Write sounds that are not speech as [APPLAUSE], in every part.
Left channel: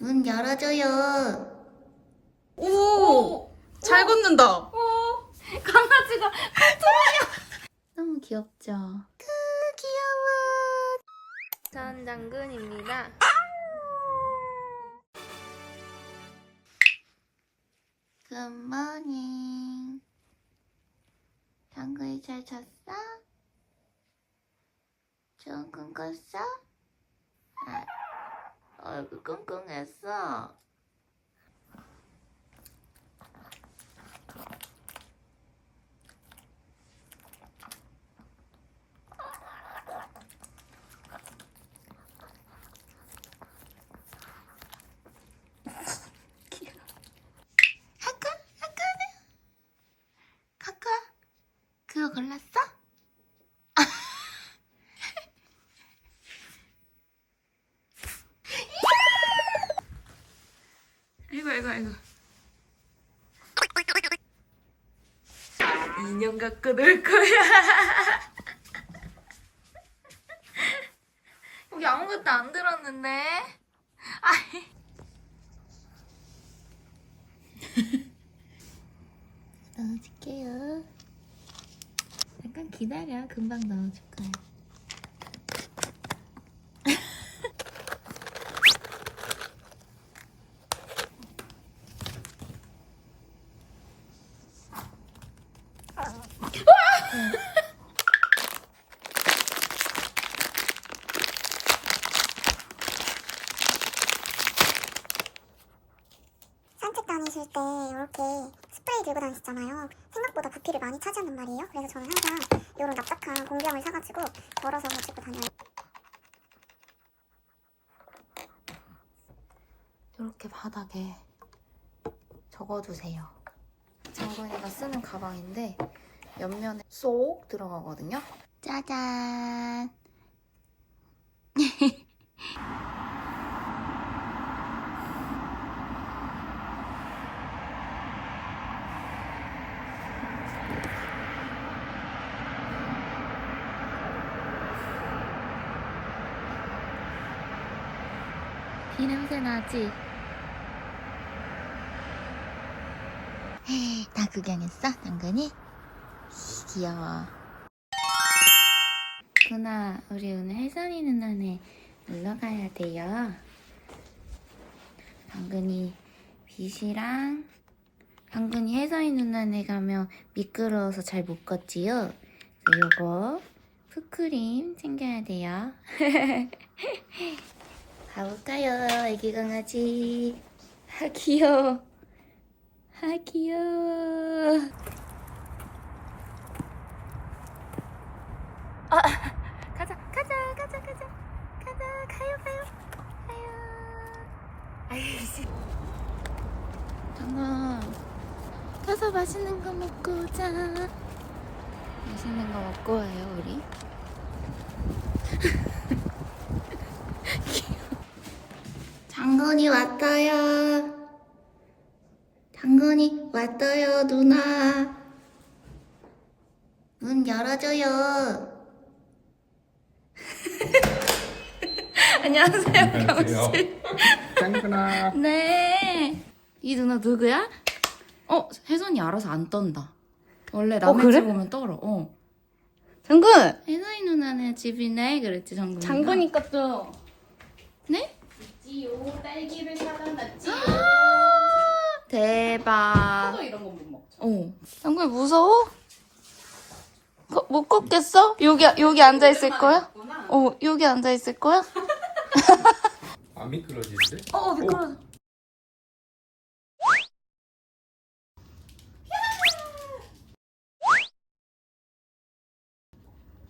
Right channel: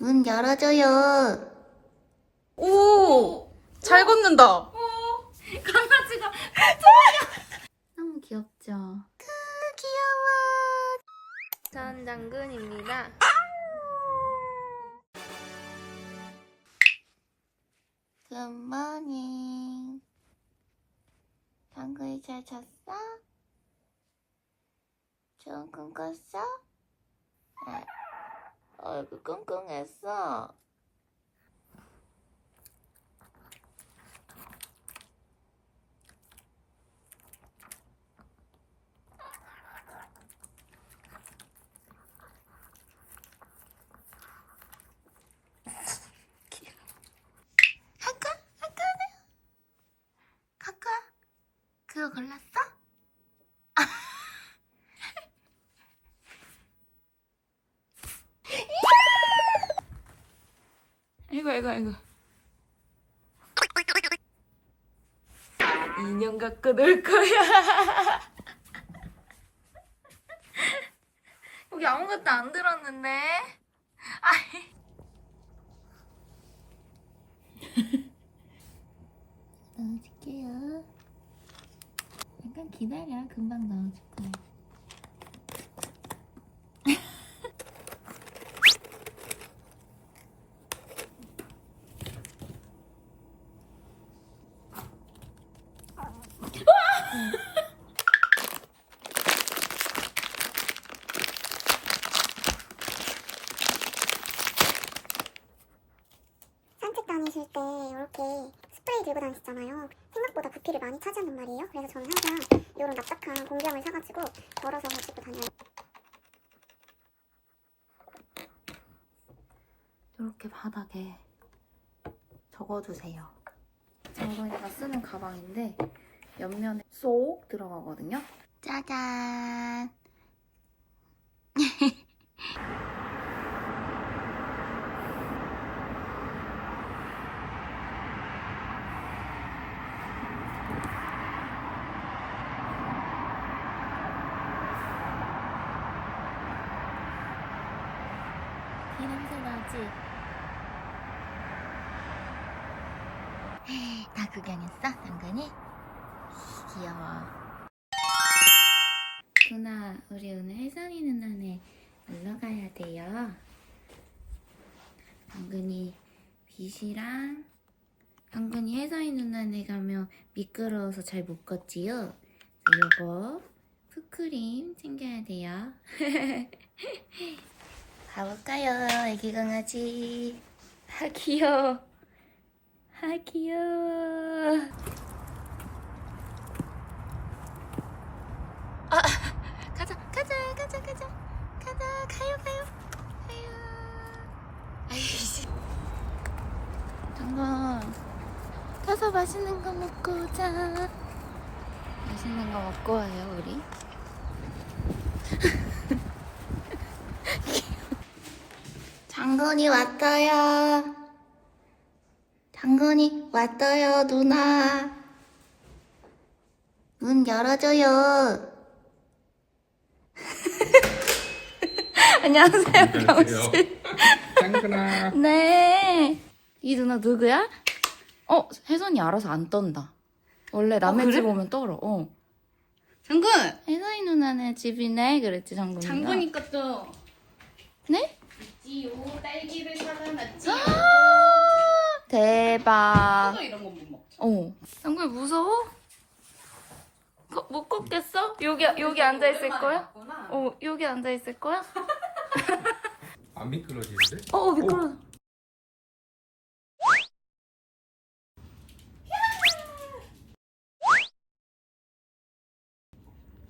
문 열어줘요. 오! 잘 걷는다. 강아지가 너무 귀엽죠? 전 장군입니다. 굿모닝. 당근이 잘 잤어? 좋은 꿈 꿨어? 아, 얼굴 끙끙했어. 아까? 아까는? 카카? 그거 골랐어? 아이고, 아이고, 아이고. 인형 갖고 놀 거야. [LAUGHS] 여기 아무것도 안 들었는데. 아이. [LAUGHS] 넣어줄게요. 잠깐 기다려. 금방 넣어줄 거야. 산책 다니실 때 이렇게 스프레이 들고 다니시잖아요. 생각보다 부피를 많이 차지한단 말이에요. 그래서 저는 항상 이런 납작한 공병을 사가지고 덜어서 가지고 다녀요. 이렇게 바닥에 적어두세요. 장동이가 쓰는 가방인데 옆면에 쏙 들어가거든요. 짜잔. 냄새 나지? 에이, 다 구경했어? 당근이? 귀여워. 누나, 우리 오늘 혜선이 누나네 놀러 가야 돼요. 당근이 빛이랑 당근이 혜선이 누나네 가면 미끄러워서 잘 못 걷지요? 요거 푸크림 챙겨야 돼요. [LAUGHS] 가볼까요, 애기 강아지? 아, 귀여워. 아, 귀여워. 아, 가자, 가자, 가자, 가자. 가자, 가요, 가요. 가요. 아이씨. 당근, 가서 맛있는 거 먹고 오자. 맛있는 거 먹고 와요, 우리. 당근이 왔어요. 당근이 왔어요, 누나. 문 열어줘요. [LAUGHS] 안녕하세요, 경씨. 짱구나. [LAUGHS] 네. 이 누나 누구야? 어, 혜선이 알아서 안 떤다. 원래 남의 그래? 집 오면 떨어. 어. 장군! 혜선이 누나네 집이네, 그랬지, 장군이가. 장군이 것도 네? 있지요. 딸기를 사다 놨지요. 대박. 또 이런 거 못 먹죠. 어. 무서워? 거- 못 걷겠어? 여기 여기 앉아 있을 거야? 어, 여기 앉아 있을 거야? [LAUGHS] 안 미끄러지는데? 어, 어 미끄러.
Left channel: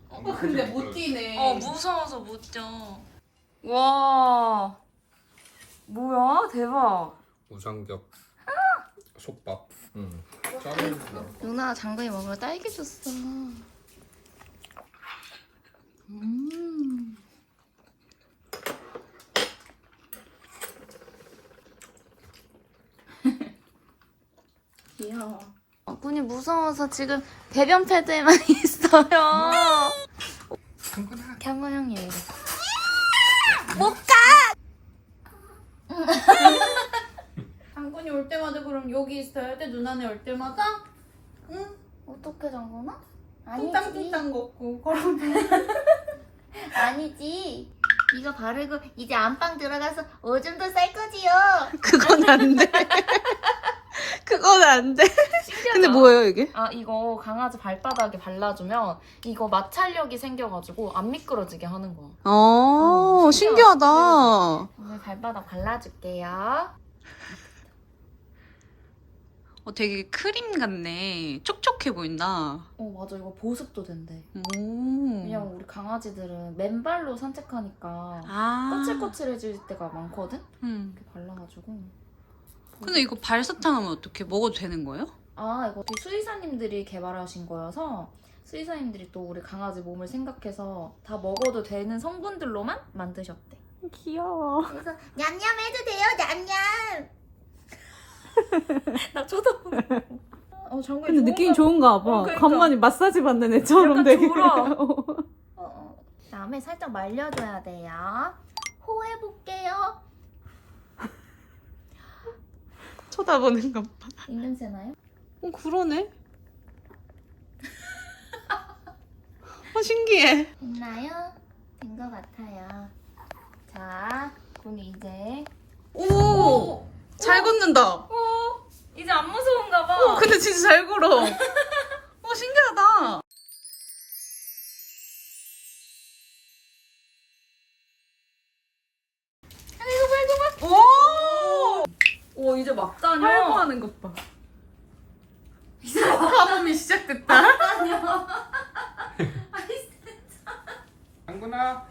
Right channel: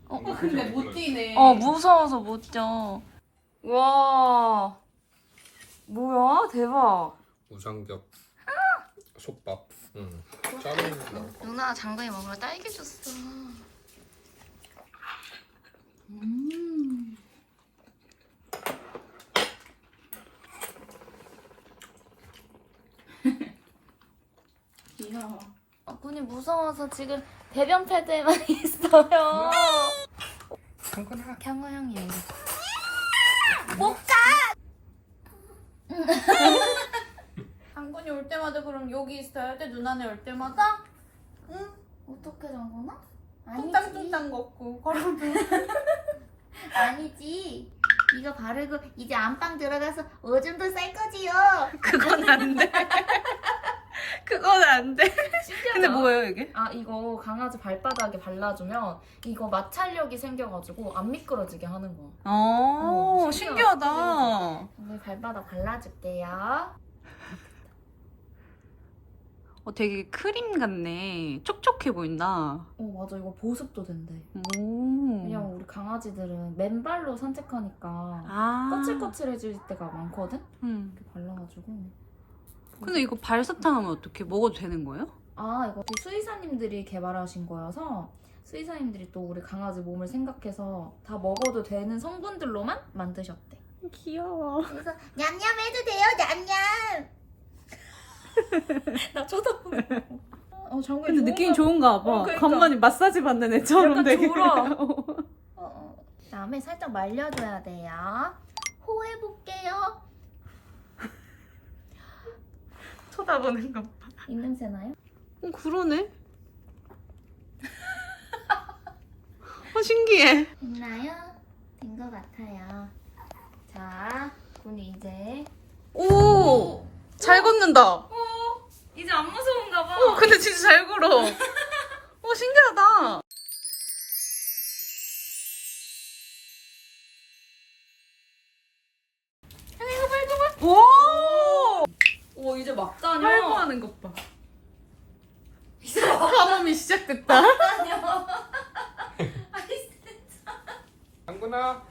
어, 근데 못 뛰네. 어, 무서워서 못 쪄. 와. 뭐야? 대박. 우상겹 솥밥. 응. 짜면 누나 장군이 먹으러 딸기 줬어. 음. [LAUGHS] 귀여워. 분이 무서워서 지금 배변 패드에만 [LAUGHS] 있어요. 짱구나. 경호 형이 못 가. 그럼 여기 있어야 돼? 누나네 올 때마다? 어떻게 잠그나? 뚱땅뚱땅 걷고 걸어도 [LAUGHS] 아니지. 이거 바르고 이제 안방 들어가서 오줌도 쌀 거지요. [LAUGHS] 그건 안 돼. [LAUGHS] 그건 안 돼. 근데 뭐예요 이게? 아 이거 강아지 발바닥에 발라주면 이거 마찰력이 생겨가지고 안 미끄러지게 하는 거야. 어, 어, 신기하다. 오늘 발바닥 발라줄게요. 어, 되게 크림 같네. 촉촉해 보인다. 어 맞아 이거 보습도 된대. 오. 왜냐면 우리 강아지들은 맨발로 산책하니까 아. 거칠거칠해질 때가 많거든? 음. 이렇게 발라가지고. 근데 이거 발사탕 하면 어떻게 먹어도 되는 거예요? 아 이거 수의사님들이 개발하신 거여서 수의사님들이 또 우리 강아지 몸을 생각해서 다 먹어도 되는 성분들로만 만드셨대. 귀여워. 그래서 냠냠 해도 돼요, 냠냠. [LAUGHS] 나 쳐다보고. 어 장군 근데 느낌이 좋은가 봐. 어, 그러니까. 간만에 마사지 받는 애처럼 약간 되게. 졸아. 어, 어. 다음에 살짝 말려줘야 돼요. 호해볼게요. [LAUGHS] 쳐다보는 것 봐. 이 냄새 나요? 어, 그러네. 어, 신기해. 됐나요? 된 것 같아요. 자, 군 이제 오! 잘 걷는다. 이제 안 무서운가 봐. 어, 근데 진짜 잘 걸어. [LAUGHS] 어, 신기하다. 오! 오 이제 막 다녀. 활보하는 것 봐. 가뭄이 시작됐다. 장군아. [LAUGHS]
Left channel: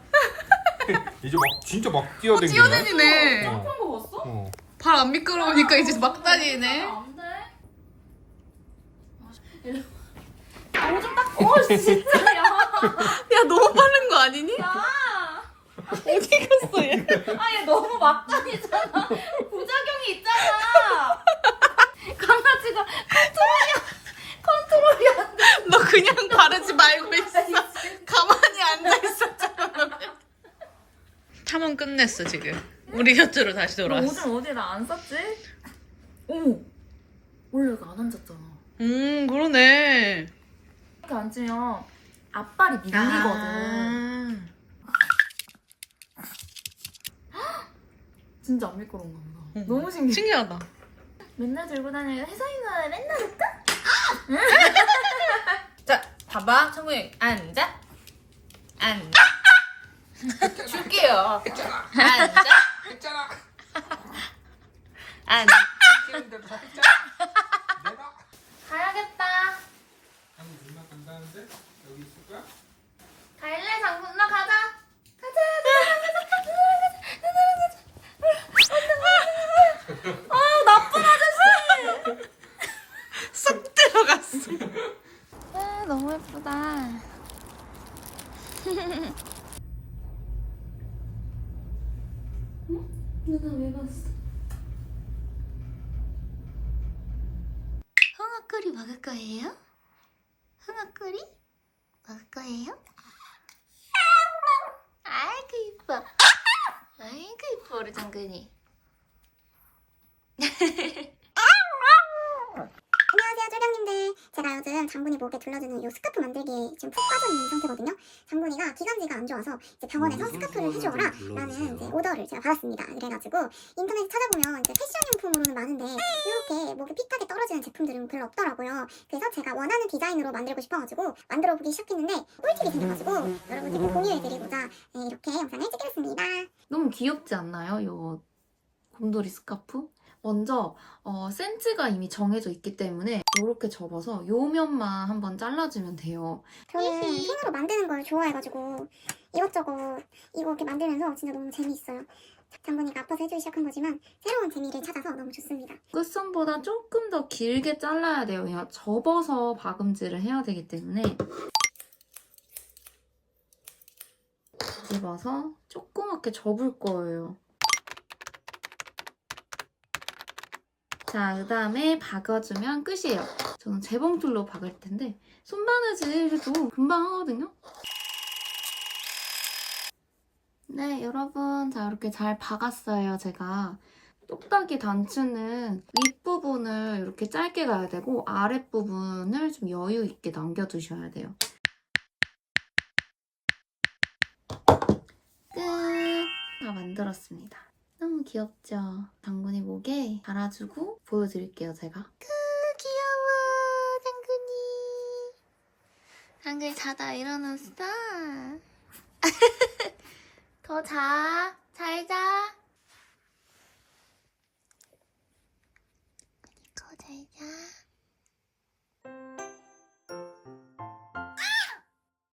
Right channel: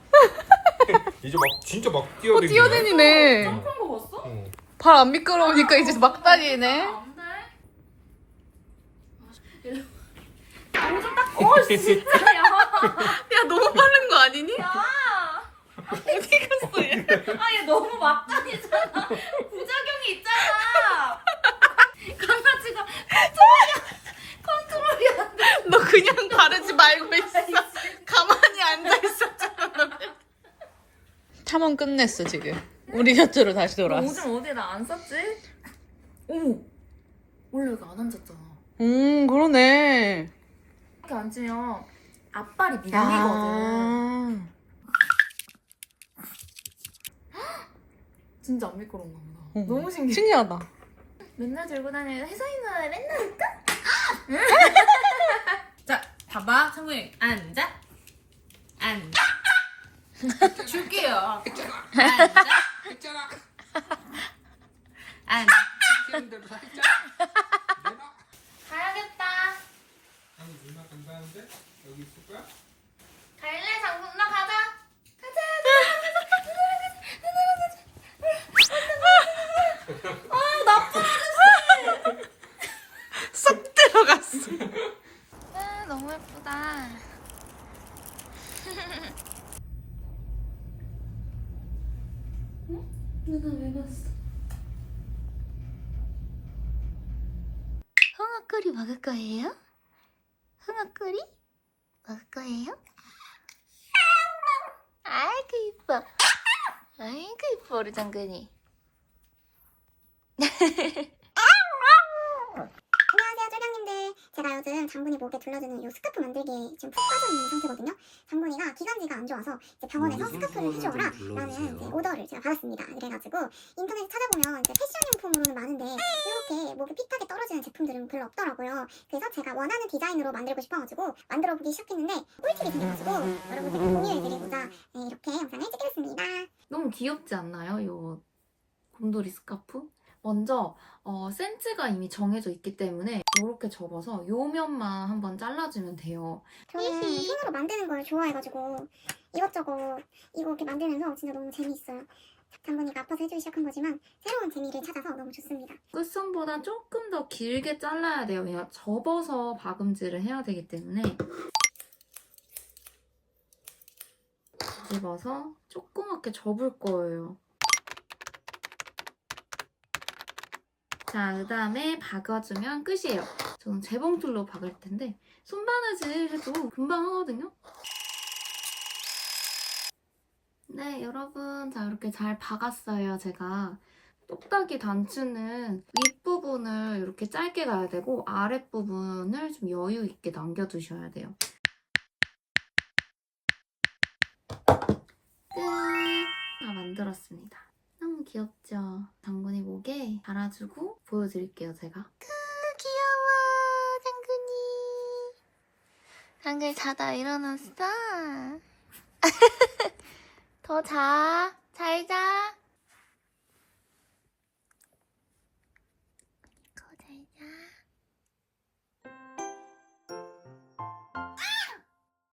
[LAUGHS] 이제 막 진짜 막 뛰어댕기네. 뛰어다니네. 점프한 거 봤어? 어. 발 안 미끄러우니까 이제 막 다니네. 안 돼. 오줌 닦고 어 진짜야. [LAUGHS] 야, 너무 빠른 거 아니니? 아얘 너무 막다니잖아. 부작용이 있잖아. 강아지가 컨트롤이 컨트롤이 안 돼. 너 그냥 바르지 말고 있어. 가만히 앉아 있었잖아. 탐험 끝냈어, 지금. 우리 곁으로 다시 돌아왔어. 오줌 어디 나안 쌌지? 오. 원래 여기 안 앉았잖아. 음, 그러네. 앉으면 앞발이 밀리거든. 아. 진짜 안 미끄러운가 보다. 응. 너무 신기해. 신기하다. 맨날 들고 다니는 누나 맨날 할까? [LAUGHS] 자, 봐봐. 청구이 앉아. 앉아. 줄게요. 앉아. 했는데도 했잖아. 내가. 가야겠다. 아니 누나 간다는데 여기 있을 거야? 갈래 장군 나 가자. 쏙 들어갔어. 아, 너무 예쁘다. 누나 왜 갔어? 홍어curry 먹을 거예요? 홍어curry? 먹을 거예요? 아이고 이뻐. 아이고 이뻐 우리 장근이. [LAUGHS] 안녕하세요 쫄병님들 제가 요즘 장군이 목에 둘러주는 이 스카프 만들기에 지금 푹 빠져 있는 상태거든요. 장군이가 기관지가 안 좋아서 이제 병원에서 스카프를 해줘라 라는 이제 오더를 제가 받았습니다. 그래가지고 인터넷에 찾아보면 이제 패션 용품으로는 많은데 이렇게 목에 핏하게 떨어지는 제품들은 별로 없더라고요. 그래서 제가 원하는 디자인으로 만들고 싶어가지고 만들어 보기 시작했는데 꿀팁이 생겨가지고 여러분들께 공유해드리고자 네, 이렇게 영상을 찍겠습니다. 너무 귀엽지 않나요? 요 곰돌이 스카프? 먼저 어, 센치가 이미 정해져 있기 때문에 이렇게 접어서 요 면만 한번 잘라주면 돼요. 저는 손으로 만드는 걸 좋아해가지고 이것저것 이거 이렇게 만들면서 진짜 너무 재미있어요. 장군이가 아파서 해주기 시작한 거지만 새로운 재미를 찾아서 너무 좋습니다. 끝선보다 조금 더 길게 잘라야 돼요. 그냥 접어서 박음질을 해야 되기 때문에 집어서 조그맣게 접을 거예요. 자, 그 다음에 박아주면 끝이에요. 저는 재봉틀로 박을 텐데 손바느질 해도 금방 하거든요. 네, 여러분. 자, 이렇게 잘 박았어요, 제가. 똑딱이 단추는 윗부분을 이렇게 짧게 가야 되고 아랫부분을 좀 여유 있게 남겨두셔야 돼요. 끝! 다 만들었습니다. 너무 귀엽죠? 장군이 목에 달아주고 보여드릴게요, 제가. 귀여워, 당근이. 당근이 자다 일어났어. [LAUGHS] 더 자. 잘 자.